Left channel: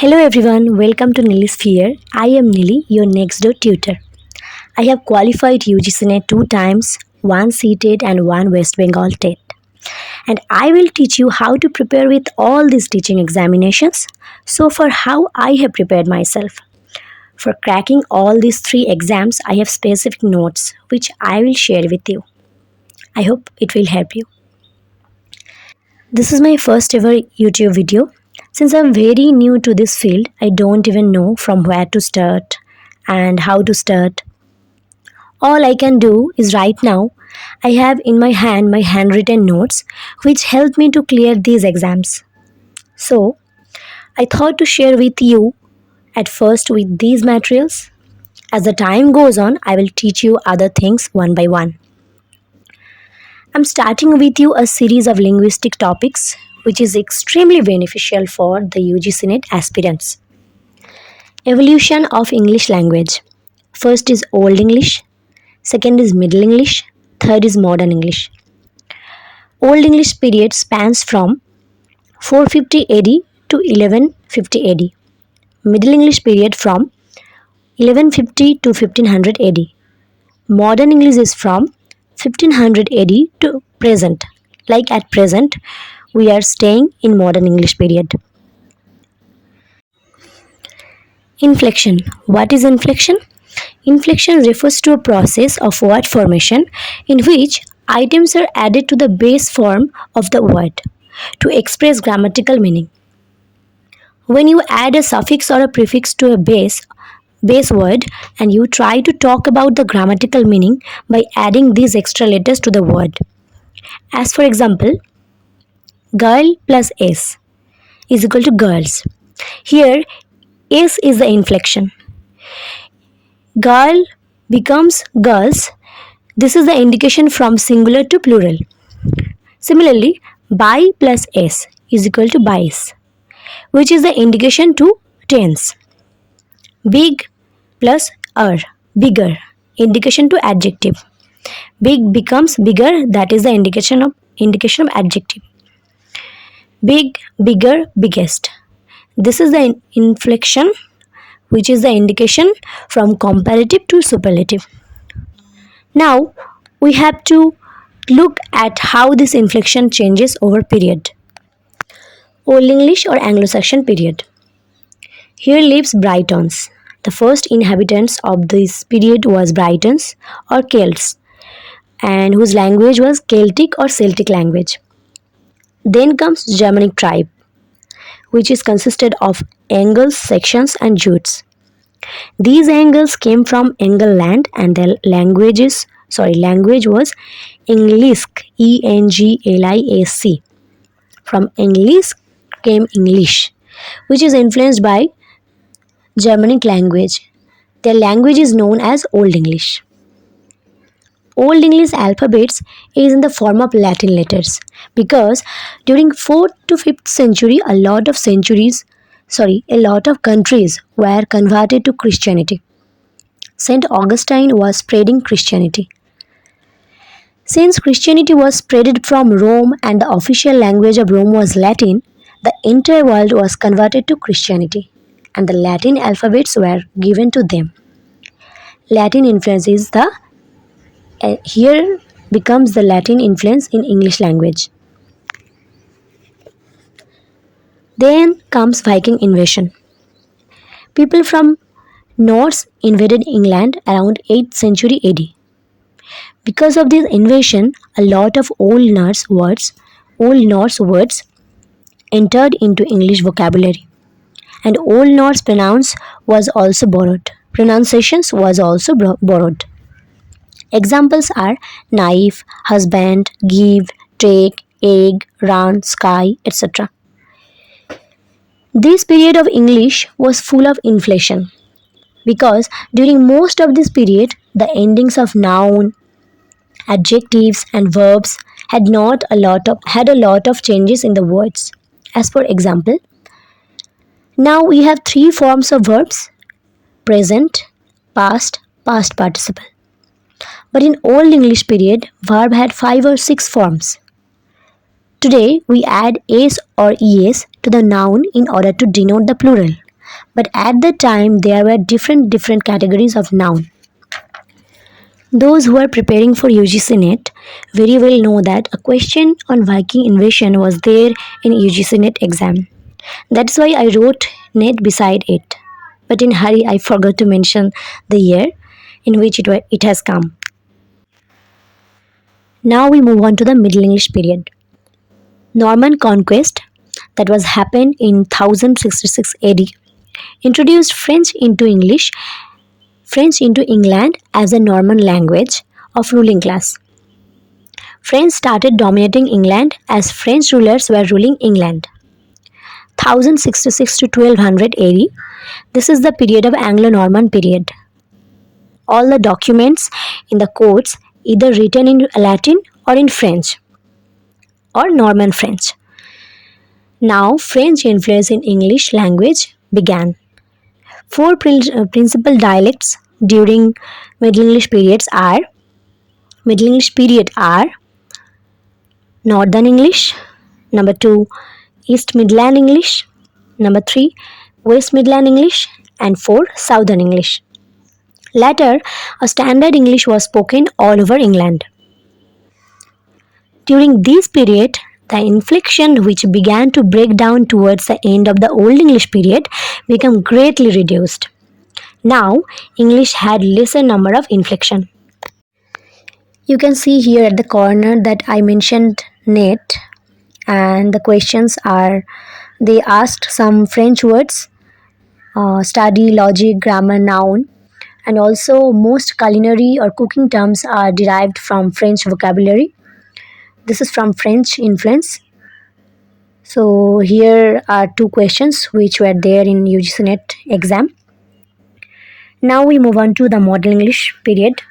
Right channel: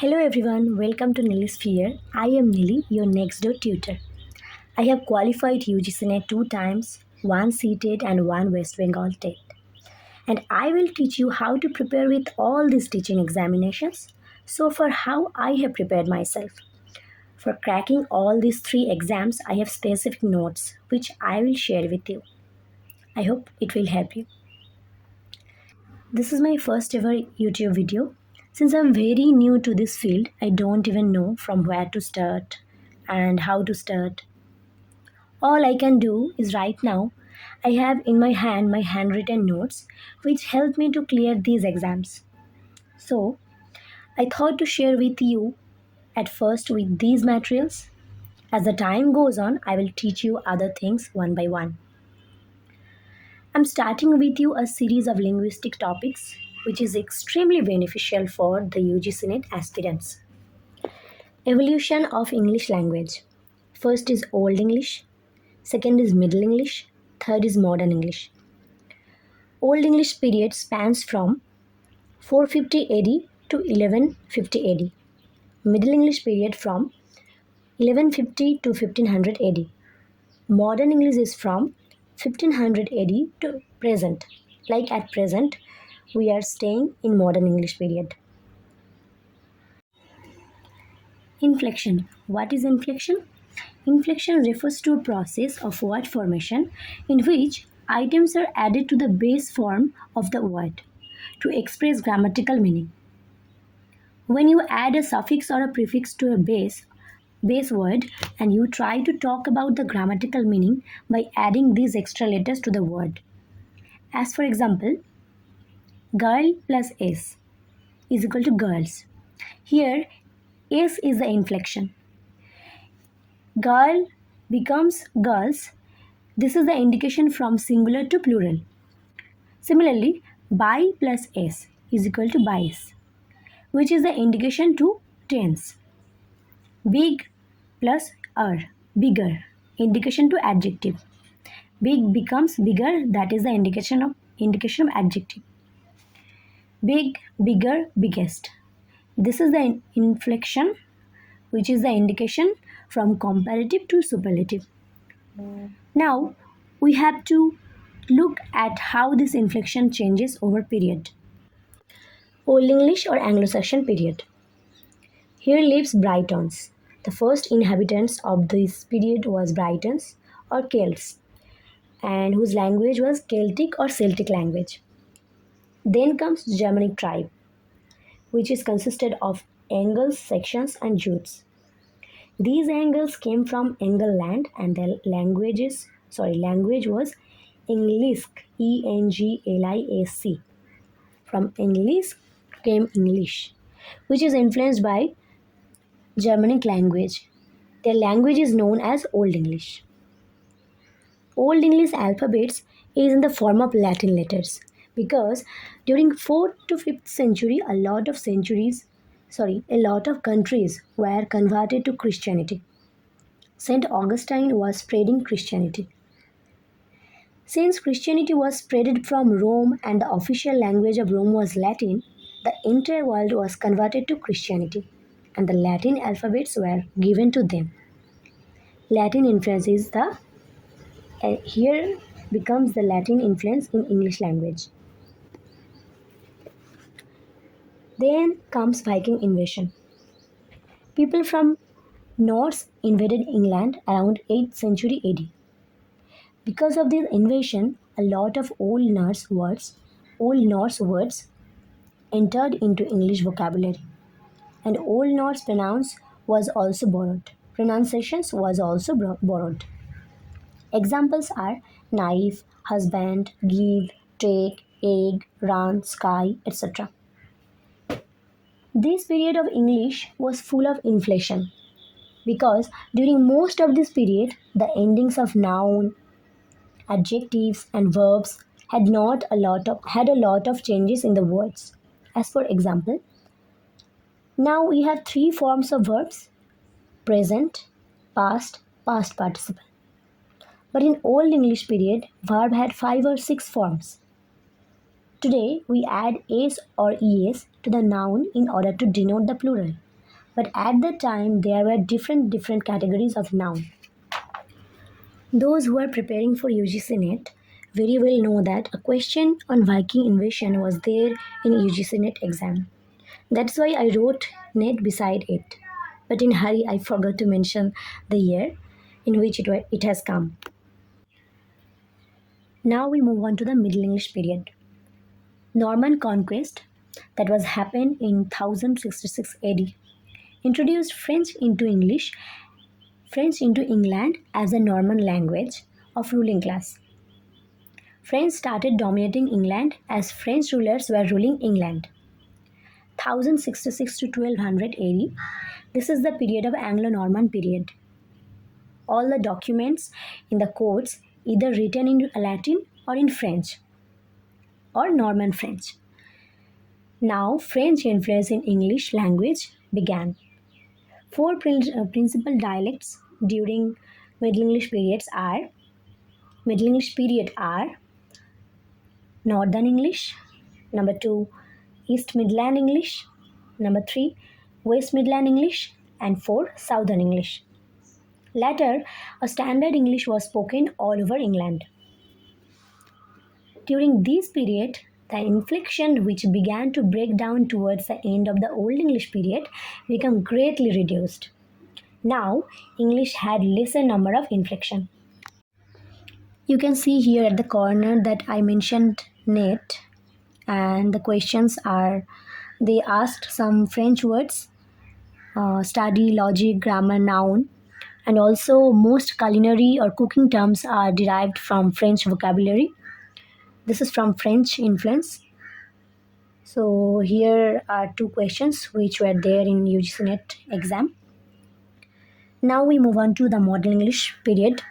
Hello everyone, welcome to Nili's Sphere. I am Nili, your next door tutor. I have qualified UGC NET 2 times, one CTET and one West Bengal TET. And I will teach you how to prepare with all these teaching examinations. So for how I have prepared myself. For cracking all these 3 exams, I have specific notes which I will share with you. I hope it will help you. This is my first ever YouTube video. Since I'm very new to this field, I don't even know from where to start and how to start. All I can do is right now, I have in my hand my handwritten notes which help me to clear these exams. So, I thought to share with you at first with these materials. As the time goes on, I will teach you other things one by one. I'm starting with you a series of linguistic topics which is extremely beneficial for the UGC NET aspirants. Evolution of English language. First is Old English, second is Middle English, third is Modern English. Old English period spans from 450 AD to 1150 AD. Middle English period from 1150 to 1500 AD. Modern English is from 1500 AD to present. Like at present, we are staying in Modern English period. Inflection. What is inflection? Inflection refers to a process of word formation in which items are added to the base form of the word to express grammatical meaning. When you add a suffix or a prefix to a base word and you try to talk about the grammatical meaning by adding these extra letters to the word. As for example, girl plus s is equal to girls. Here, s is the inflection. Girl becomes girls. This is the indication from singular to plural. Similarly, by plus s is equal to bys, which is the indication to tense. Big plus bigger, indication to adjective. Big becomes bigger, that is the indication of adjective. Big, bigger, biggest. This is the inflection which is the indication from comparative to superlative. Now we have to look at how this inflection changes over period. Old English or Anglo-Saxon period. Here lives Britons. The first inhabitants of this period was Britons or Celts, and whose language was Celtic or Celtic language. Then comes Germanic tribe, which is consisted of Angles, Saxons and Jutes. These Angles came from Angle land and their language was Englisk, Englisk. From Englisk came English, which is influenced by Germanic language. Their language is known as Old English. Old English alphabets is in the form of Latin letters because during 4th to 5th century a lot of countries were converted to Christianity. Saint Augustine was spreading Christianity. Since Christianity was spreaded from Rome and the official language of Rome was Latin, the entire world was converted to Christianity and the Latin alphabets were given to them. Latin influence is here becomes the Latin influence in English language. Then comes Viking invasion. People from Norse invaded England around 8th century AD. Because of this invasion, a lot of Old Norse words entered into English vocabulary, and Old Norse pronunciations was also borrowed. Examples are knife, husband, give, take, egg, run, sky, etc. This period of English was full of inflation because during most of this period the endings of noun, adjectives and verbs had a lot of changes in the words. As for example, now we have 3 forms of verbs: present, past, past participle. But in Old English period, verb had 5 or 6 forms. Today, we add s or es to the noun in order to denote the plural. But at the time there were different categories of noun. Those who are preparing for UGC NET very well know that a question on Viking invasion was there in UGC NET exam. That's why I wrote NET beside it. But in hurry I forgot to mention the year in which it has come. Now we move on to the Middle English period. Norman conquest that was happened in 1066 AD introduced French into England as a Norman language of ruling class. French started dominating England as French rulers were ruling England. 1066 to 1200 AD, this is the period of Anglo-Norman period. All the documents in the courts either written in Latin or in French or Norman French. Now French influence in English language began. Four principal dialects during Middle English period are Northern English, number 2 East Midland English, number 3 West Midland English, and 4 Southern English. Later, a standard English was spoken all over England. During this period, the inflection which began to break down towards the end of the Old English period became greatly reduced. Now, English had lesser number of inflection. You can see here at the corner that I mentioned net, and the questions are they asked some French words, study, logic, grammar, noun, and also most culinary or cooking terms are derived from French vocabulary. This is from French influence. So here are two questions which were there in UGC NET exam. Now we move on to the Modern English period.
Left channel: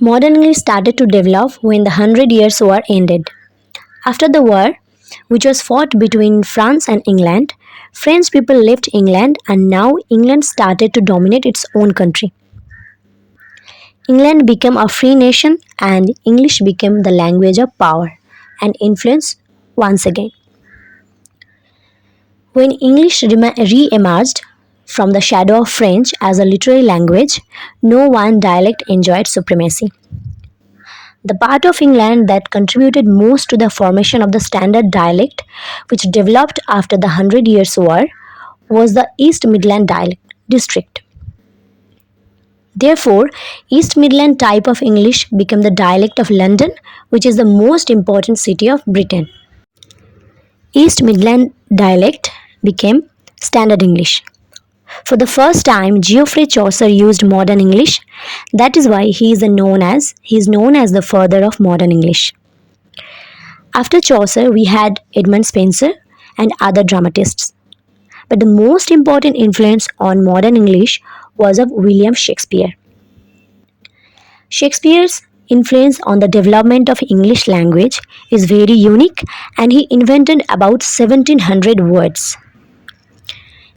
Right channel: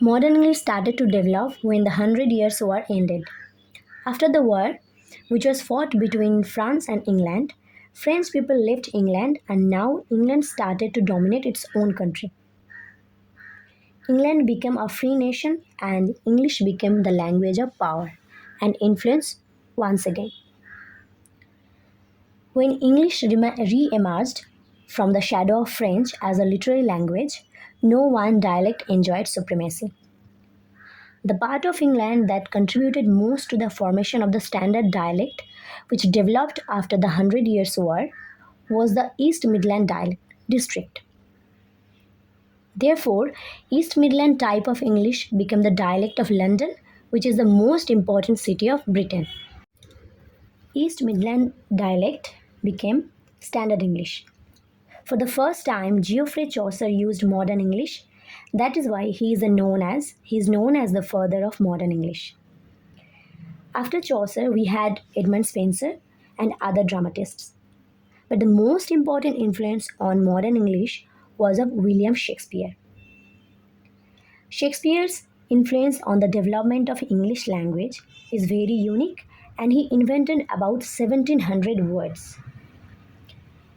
Modern English started to develop when the Hundred Years' War ended. After the war, which was fought between France and England, French people left England and now England started to dominate its own country. England became a free nation and English became the language of power and influence once again. When English re-emerged from the shadow of French as a literary language, no one dialect enjoyed supremacy. The part of England that contributed most to the formation of the standard dialect, which developed after the Hundred Years' War, was the East Midland district. Therefore, East Midland type of English became the dialect of London, which is the most important city of Britain. East Midland dialect became Standard English. For the first time, Geoffrey Chaucer used modern English. That is why he is known as the father of modern English. After Chaucer, we had Edmund Spenser and other dramatists. But the most important influence on modern English was of William Shakespeare. Shakespeare's influence on the development of English language is very unique, and he invented about 1700 words.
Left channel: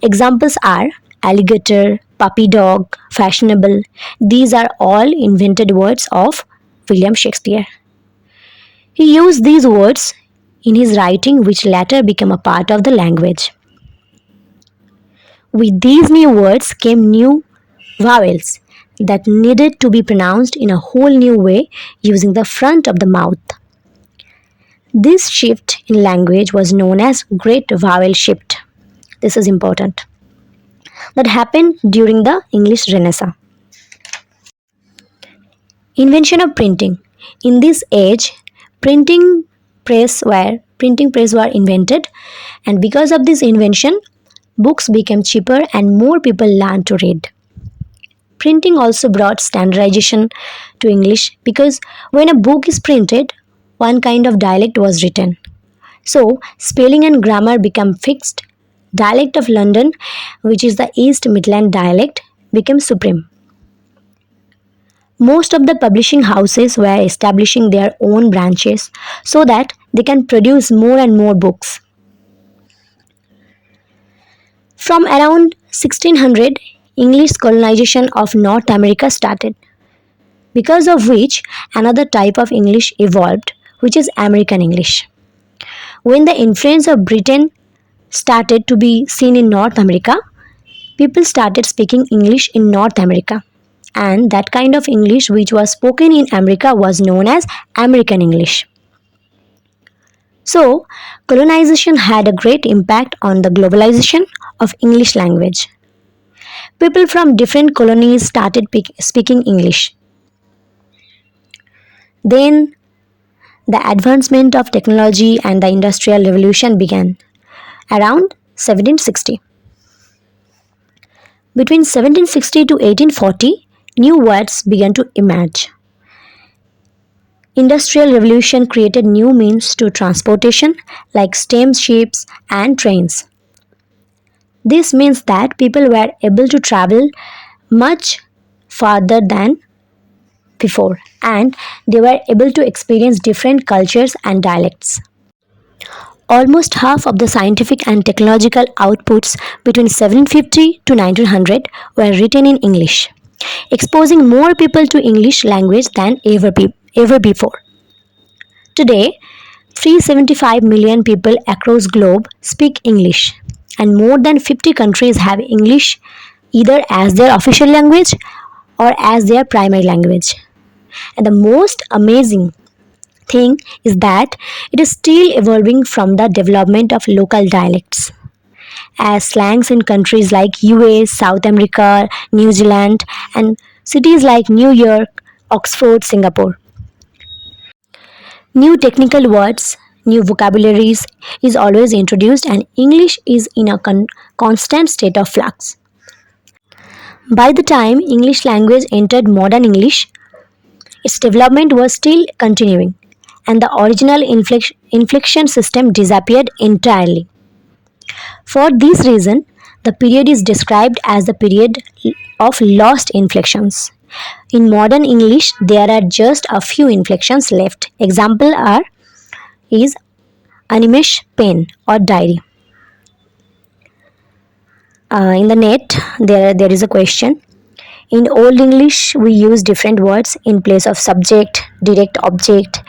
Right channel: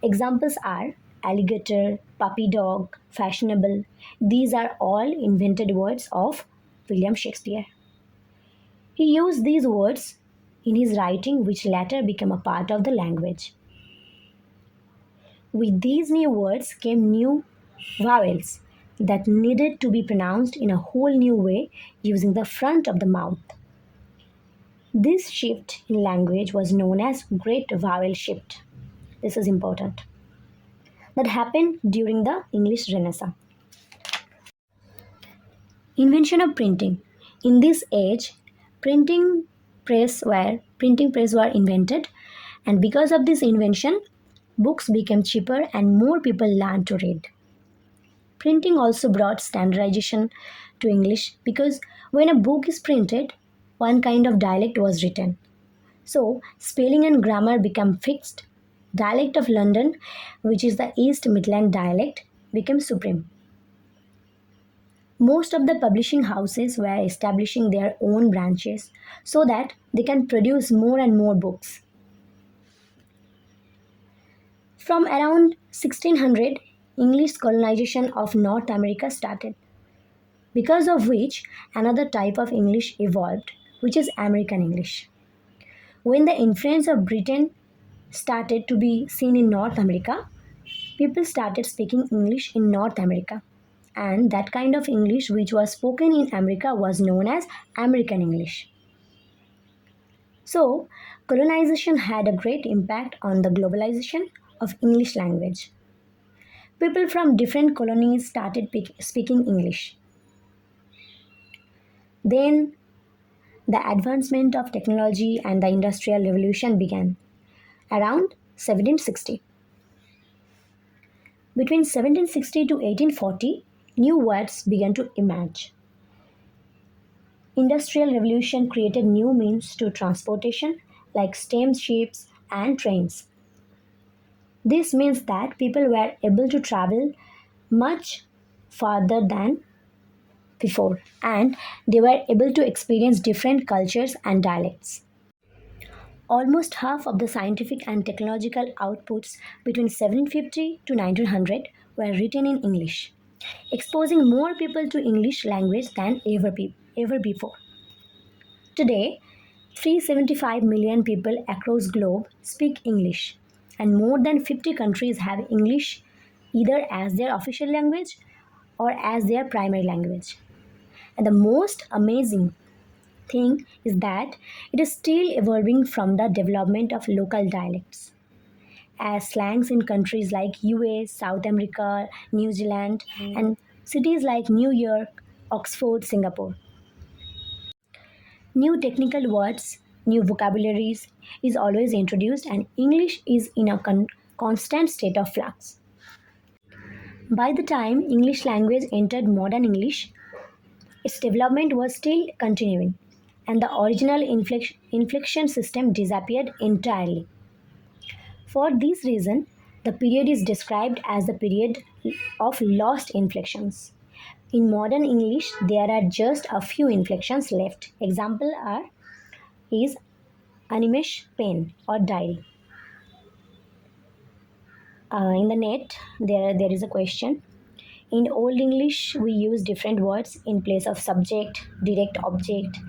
Examples are alligator, puppy dog, fashionable. These are all invented words of William Shakespeare. He used these words in his writing, which later became a part of the language. With these new words came new vowels that needed to be pronounced in a whole new way using the front of the mouth. This shift in language was known as Great Vowel Shift. This is important. That happened during the English Renaissance. Invention of printing. In this age, printing press were invented, and because of this invention, books became cheaper and more people learned to read. Printing also brought standardization to English because when a book is printed, one kind of dialect was written. So, spelling and grammar became fixed. Dialect of London, which is the East Midland dialect, became supreme. Most of the publishing houses were establishing their own branches so that they can produce more and more books. From around 1600, English colonization of North America started, because of which another type of English evolved, which is American English. When the influence of Britain started to be seen in North America, people started speaking English in North America. And that kind of English which was spoken in America was known as American English. So, colonization had a great impact on the globalization of English language. People from different colonies started speaking English. Then, the advancement of technology and the Industrial Revolution began around 1760. Between 1760 to 1840, new words began to emerge. Industrial Revolution created new means to transportation like steamships and trains. This means that people were able to travel much farther than before and they were able to experience different cultures and dialects. Almost half of the scientific and technological outputs between 1750 to 1900 were written in English, exposing more people to English language than ever before. Today, 375 million people across globe speak English and more than 50 countries have English either as their official language or as their primary language. And the most amazing thing is that it is still evolving from the development of local dialects. As slangs in countries like US, South America, New Zealand, and cities like New York, Oxford, Singapore. New technical words, new vocabularies is always introduced, and English is in a constant state of flux. By the time English language entered modern English, its development was still continuing, and the original inflection system disappeared entirely. For this reason, the period is described as the period of lost inflections. In modern English, there are just a few inflections left. Example are is animesh, pen, or diary. In the net, there is a question. In Old English, we use different words in place of subject, direct object,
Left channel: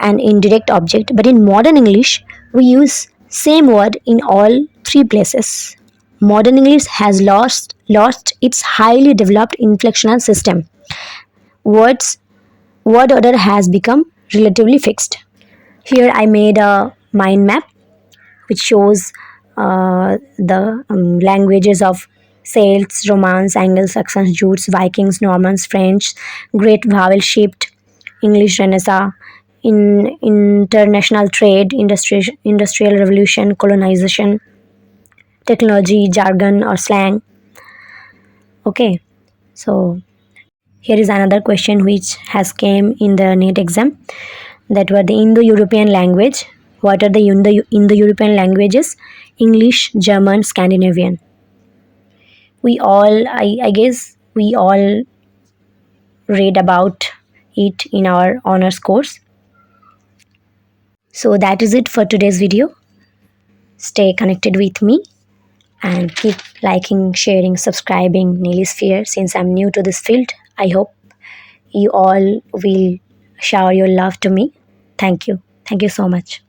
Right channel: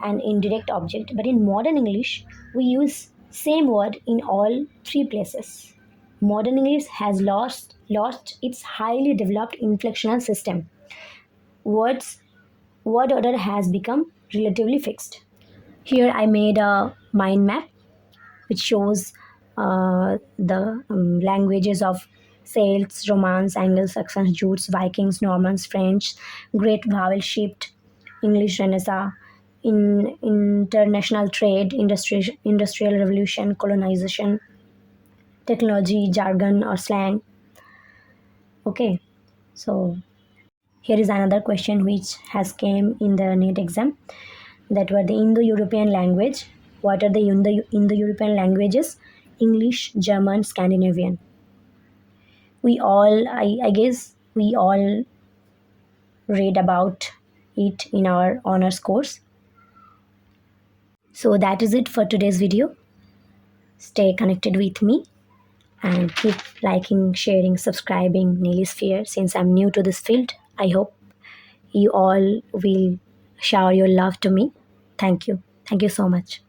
and indirect object. But in modern English, we use same word in all three places. Modern English has lost its highly developed inflectional system. Words word order has become relatively fixed. Here I made a mind map which shows the languages of Celts, Romans, Anglo-Saxons, Jutes, Vikings, Normans, French, Great Vowel Shift, English Renaissance, in international trade, industrial revolution, colonization, technology, jargon or slang. Okay, so here is another question which has came in the NEET exam. That were the Indo-European language. What are the Indo-European languages? English, German, Scandinavian. I guess we all read about it in our honors course. So that is it for today's video. Stay connected with me and keep liking, sharing, subscribing Neelisphere since I'm new to this field. I hope you all will shower your love to me. Thank you. Thank you so much.